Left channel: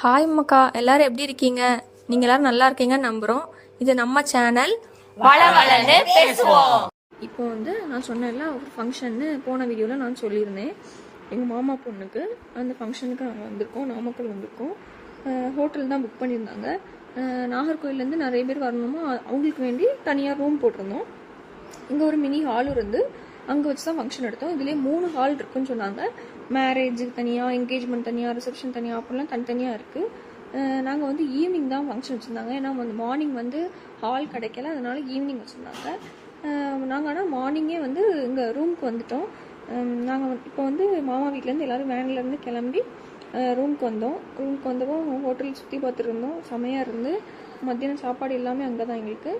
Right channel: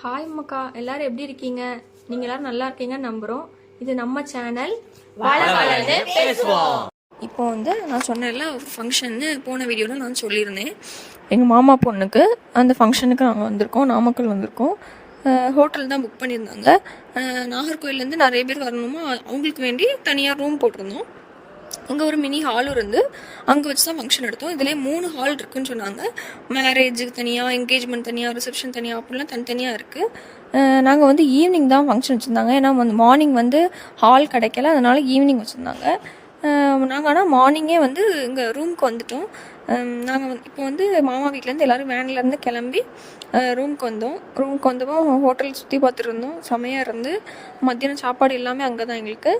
Hi மக்கா, எல்லாரும் எப்படி இருக்கீங்க? நீங்க எல்லாரும் நல்லா இருக்கீங்கன்னு நம்புறோம். இது நம்ம சேனல் வளவளன்னு பேசுவோம். இப்போ நான் சொன்னேன்ல, ஒரு ஃபங்க்ஷன்னு போன வீடியோவில் நான் சொல்லியிருந்தேன். எங்கள் மாமா பொண்ணுக்கு அந்த ஃபங்க்ஷனுக்கு நாங்கள் வந்திருக்கோம், நாமக்கல் வந்திருக்கோம். ஹோட்டல் தான் புக் பண்ணியிருந்தாங்க. நாகர்கோயிலேருந்து நிறைய பேர் வரணுமோ அவங்களுக்கு வேண்டி தனியாக ரூம் போட்டிருந்தோம். அங்கே ஒரு மினி ஹாலும் இருந்து அங்கே வச்சு தான் ஃபங்க்ஷன் எடுத்தோம். இதுலேயே 3 ஹால் இருக்குதுன்னு சொன்னாங்க. மேரேஜுக்கு தனியாக, என்கேஜ்மெண்ட் தனியாக, ரிசப்ஷன் தனியாக அப்படிலாம் தனித்தனியாக இருக்குது. நாங்கள் ஈவினிங் தான் ஃபங்க்ஷன் வச்சுருந்தாங்க. ஏன்னா மார்னிங் ஹால் கிடைக்கல, அதனால் ஈவினிங் வச்சுருந்தாங்க. நாங்கள் ஆனால் மார்னிங்கே இங்கே ரூமுக்கு வந்துட்டோம். நாங்கள் இப்போ மாமா வீட்டிலேருந்து எல்லோரும் வேன்லேருந்து கிளம்பி ரூமுக்கு வந்தோம். ரூமுக்கு வந்தப்போ ஹோட்டல் சுற்றி பார்த்துட்டு இருந்தோம். செமையாக இருந்து மத்தியானம் சாப்பாடு எல்லாமே அங்கே தான் எங்களுக்கு.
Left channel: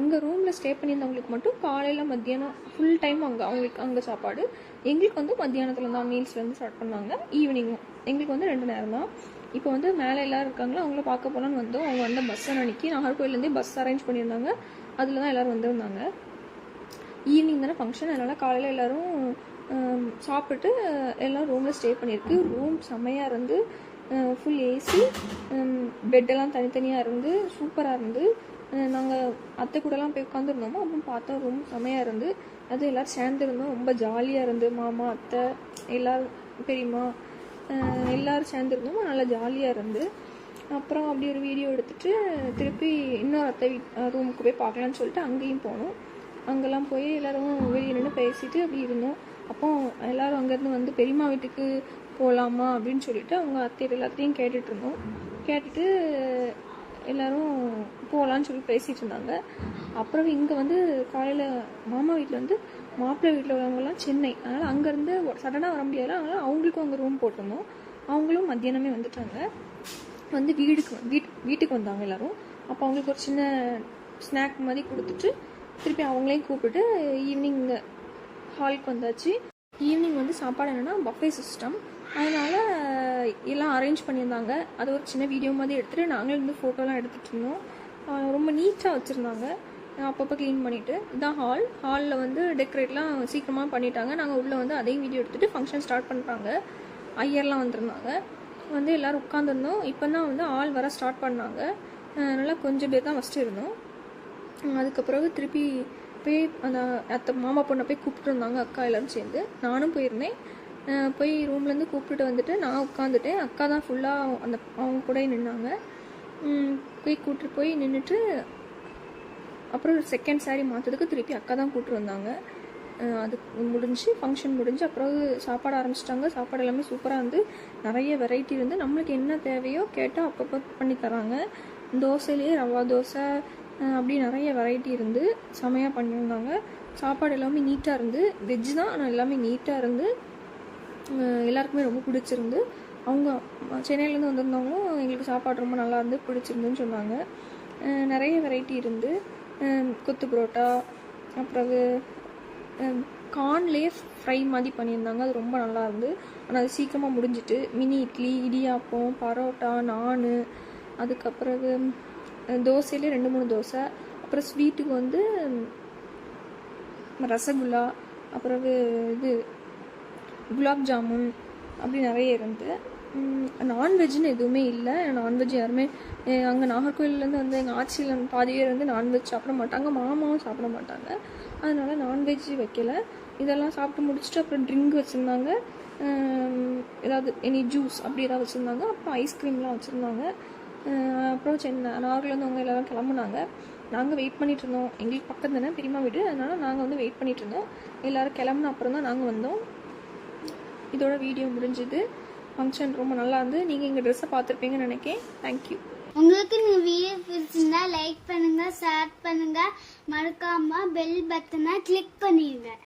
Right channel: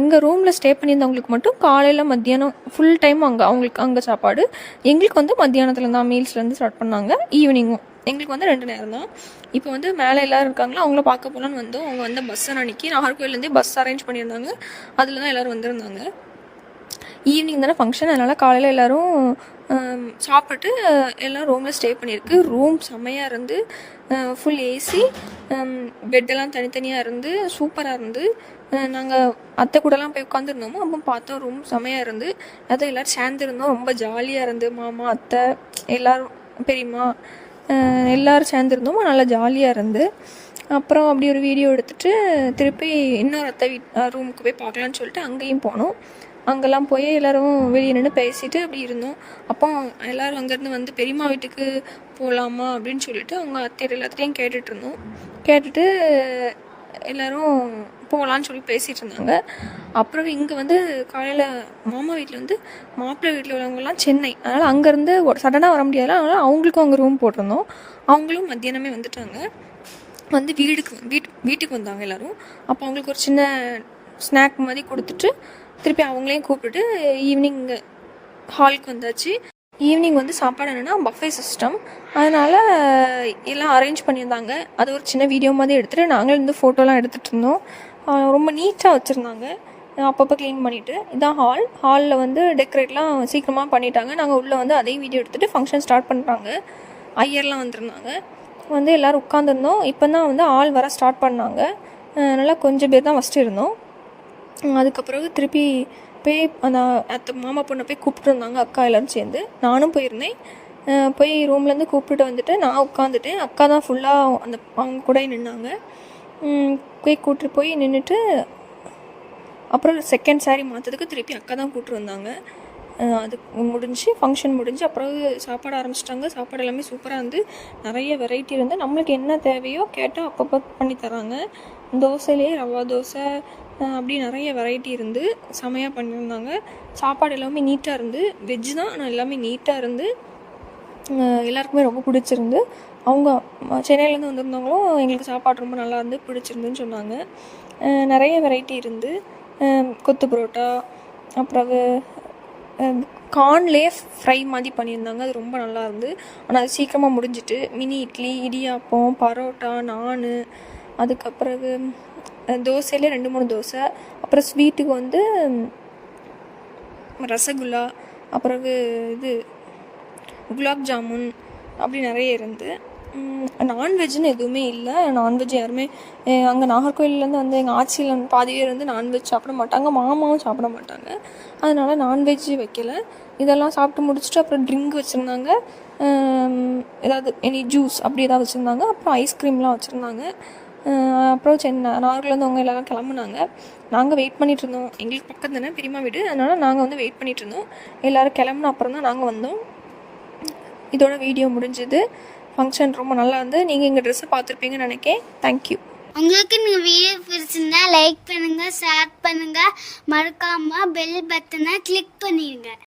இங்கே ரூமில் ஸ்டே பண்ணியிருந்தவங்களுக்கு மட்டும் காலையில் மத்தியானம் ஃபுல் டைம் அவங்களுக்கு அங்கே சாப்பாடு. எங்களுக்கு மத்தியானத்தில் தான் மீல்ஸ்லேருந்து ஸ்டார்ட் பண்ணாங்க. ஈவினிங்கும் எங்களுக்கு 2 நேரம் தான். இப்போ மேலே எல்லோரும் இருக்காங்களா, அவங்கள பார்க்க போகலான்னு வந்தோம். அவங்க பஸ்ஸை அன்றைக்கி நாகர்கோயிலேருந்தே பஸ் அரேஞ்ச் பண்ணியிருந்தாங்க. அதில் தான் எல்லோரும் வந்திருந்தாங்க. ஈவினிங் தானே ஃபங்க்ஷன், அதனால் காலையில் எல்லோரும் சாப்பிட்டு எல்லாம் ரூமில் ஸ்டே பண்ணியிருக்கு. ரூம் செம்மையாக இருந்து ஃபுல் ஏசி, பெட்டெல்லாம் தனித்தனியாக இருந்து சூப்பராக இருந்து. நாங்கள் அத்தை கூடலாம் போய் உட்காந்துருந்தோமோ அப்போ பார்த்தோம் ரூம் செம்மையாக இருந்து. அதான் எல்லோரும் சேர்ந்துருந்தோம். ரொம்ப ஜாலியாக இருந்து. மாமா, அத்தை, எல்லோரும், பெரியம்மா எல்லோரும் சேர்ந்துருந்தோம். நல்லா ஜாலியாக இருந்து. அப்புறம் அப்படி ஒரு வீடியோ எடுத்துகிட்டு திருப்பி இன்னொரு அத்தை ரூமுக்கு போய் பார்க்கலான்னு சொல்லிட்டு அங்கேயும் போனோம். அங்கெல்லாம் போய் எல்லோரும் வெளியே நின்று பேசிட்டு அப்படி இருந்தோம். அப்போ எல்லோரும் அங்கேருந்து பெரியம்மா வீட்டுக்கு போகலாமா அப்படின்னு சொல்லிட்டு அவங்க அத்தையர் எல்லாத்தையும் கேட்டுட்டு இருந்தோம். கேட்டுட்டு எல்லோரும் போகலான்னு சொல்லி பேசிகிட்டு இருந்தாங்க. அப்புறம் இங்கே காலையில் மாமா வீட்டில் மாப்பிள்ளை வீட்டில் உள்ளவங்கலாம் சென்னை, அதனால் அங்கேருந்து சடனாக வர முடியாது. அதனால் அவங்களுக்கும் அங்கே ரூம் போட்டிருந்தோம். அவங்களும் மத்தியானமே வந்துட்டாங்க. வீட்டுக்கு வந்தாங்க எல்லோரும். அப்போ அவங்களுக்கு ஒரு சின்ன ஸ்நாக் மாதிரி கொடுத்துட்டு திருப்பி அவங்களையும் கூப்பிட்டுட்டு ஈவினிங் ஹாலுக்கு வந்தாச்சு. ஈவினிங் சாப்பாடு என்னென்னா பஃபே சிஸ்டம், அதனால் எல்லாம் அரேஞ்ச் பண்ணியிருந்தாங்க. அது ஒரு சின்ன வீடியோ மாதிரி எடுத்துகிட்டு நாங்களும் ஃபோட்டோலாம் எடுத்துகிட்டு இருந்தோம். ரொம்ப நீட்டாக வச்சுருந்தாங்க, அப்பப்போ க்ளீன் பண்ணிவிட்டு. இதுதான் ஹாலில் டெக்கரேட்லாம் சீக்கிரமாக பண்ணிட்டாங்க. நாங்கள் உள்ளே அதே வீடியோ எடுத்துகிட்டு ஃபங்க்ஷன் ஸ்டார்ட் பண்ணிட்டாங்க. ஐயர்லாம் வந்திருந்தாங்க. எல்லோரும் உட்காந்துருந்தோம். இப்போ தான் ஆள் வர ஸ்டார்ட் பண்ணாங்க. நல்லா கொஞ்சம் பேர் தான் ஃபஸ்ட்டு இருந்தோம். அதுக்கப்புறம் திருப்பி போய் அந்த அத்தை மாமா பொண்ணை போய் கூப்பிட்டு இருந்தாங்க, அக்கா எல்லோரும் சேர்ந்து. நானும் போயிருந்தேன். போய் ரூம்லேருந்து கூப்பிட்டு வந்துட்டு நான் உட்காந்துட்டேன். அக்கா தான் ஃபுல்லாக அவங்க கூட நின்னாங்க. போய் கூப்பிட்டு போய் நின்றுட்டு அப்புறம் செகண்ட் சாரி மாற்றதுக்கு திருப்பி அக்கா தான் கூப்பிட்டு வந்தாங்க. அது முடிஞ்சு ஃபங்க்ஷன் முடிஞ்சு அப்புறம் சாப்பாடு ஆரம்பிச்சிட்டாங்க. சாப்பாடு எல்லாமே சூப்பராக இருந்து நிறைய வெரைட்டி இருந்து நம்மளுக்கு என்ன தேவையோ கேட்டால் அப்பப்போ பண்ணி தராங்க. தோசையிலே ரவா தோசை அப்படி நிறைய வெரைட்டி இருந்து செமையாக பண்ணியிருந்தாங்க. சாப்பாடு எல்லாமே நீட்டாக இருந்து, வெஜ்ஜு தான் ஆனால் எல்லாமே நீட்டாக இருந்து எல்லாருக்குமே ரொம்ப பிடிச்சிருந்து. அவங்க சென்னையிலேருந்து வந்திருந்தாங்களும் எங்களுக்கு சாப்பாடு ரொம்ப நல்லா இருந்து பிடிச்சிருந்துன்னு சொன்னாங்க. நிறைய வெரைட்டி இருந்து கொத்து புரோட்டா, அப்புறம் கார்ன்லேயே ஃப்ரை மாதிரி பண்ணியிருந்தாங்க. அது ரொம்ப நல்லா இருந்து. ஆனால் அது சீக்கிரமாக முடிஞ்சிட்டு. மினி இட்லி, இடியாப்பம், பரோட்டா, நான், அதுக்கப்புறம் தோசையிலே 2-3 தோசை, அப்புறம் ஸ்வீட்டுக்கு ரசகுல்லா, அப்புறம் குலாப் ஜாமுன் அப்படி நிறைய இருந்து. நான்வெஜ்ஜுன்னு எதுவுமே இல்லை. நான்வெஜ் யாருமே அங்கே நாகர்கோயிலேருந்து எங்கள் ஆட்சியில் பாதி பேர் நான்வெஜ் சாப்பிட மாட்டாங்க, மாமாவும் சாப்பிட மாட்டாங்க. அதனால் நான்வெஜ்ஜு வைக்கலை. இதெல்லாம் சாப்பிட்டு முடிச்சுட்டு அப்புறம் ட்ரிங்க் வச்சுருந்தாங்க. ஏதாவது ஜூஸ் அப்படி ஏதாவது வச்சுருந்தாங்க. அப்புறம் ஐஸ்கிரீம்லாம் வச்சுருந்தாங்க. அப்புறம் நாகர்லேருந்து அவங்க எல்லோரும் கிளம்புனாங்க. நாங்கள் வெயிட் பண்ணிகிட்டு இருந்தோம். எங்களுக்கு பக்கம் தானே பெரியம்மா வீடு, அதனால் நாங்கள் வெயிட் பண்ணிகிட்டு இருந்தோம். எல்லோரும் கிளம்புன அப்புறம் தான் நாங்கள் வந்தோம். இதோட வீடியோ முடிஞ்சுது. ஃபங்க்ஷன் ரொம்ப நல்லா இருந்து. நீங்கள் எங்கள் ட்ரெஸ்ஸை பார்த்துருப்பீங்கன்னு நினைக்கிறேன். தேங்க்யூ. உங்களுக்கு இந்த வீடியோ பிடிச்சிருந்தா லைக் பண்ணுங்கள், ஷேர் பண்ணுங்கள், மறக்காமல் பெல் பட்டனை கிளிக் பண்ணிடுங்க.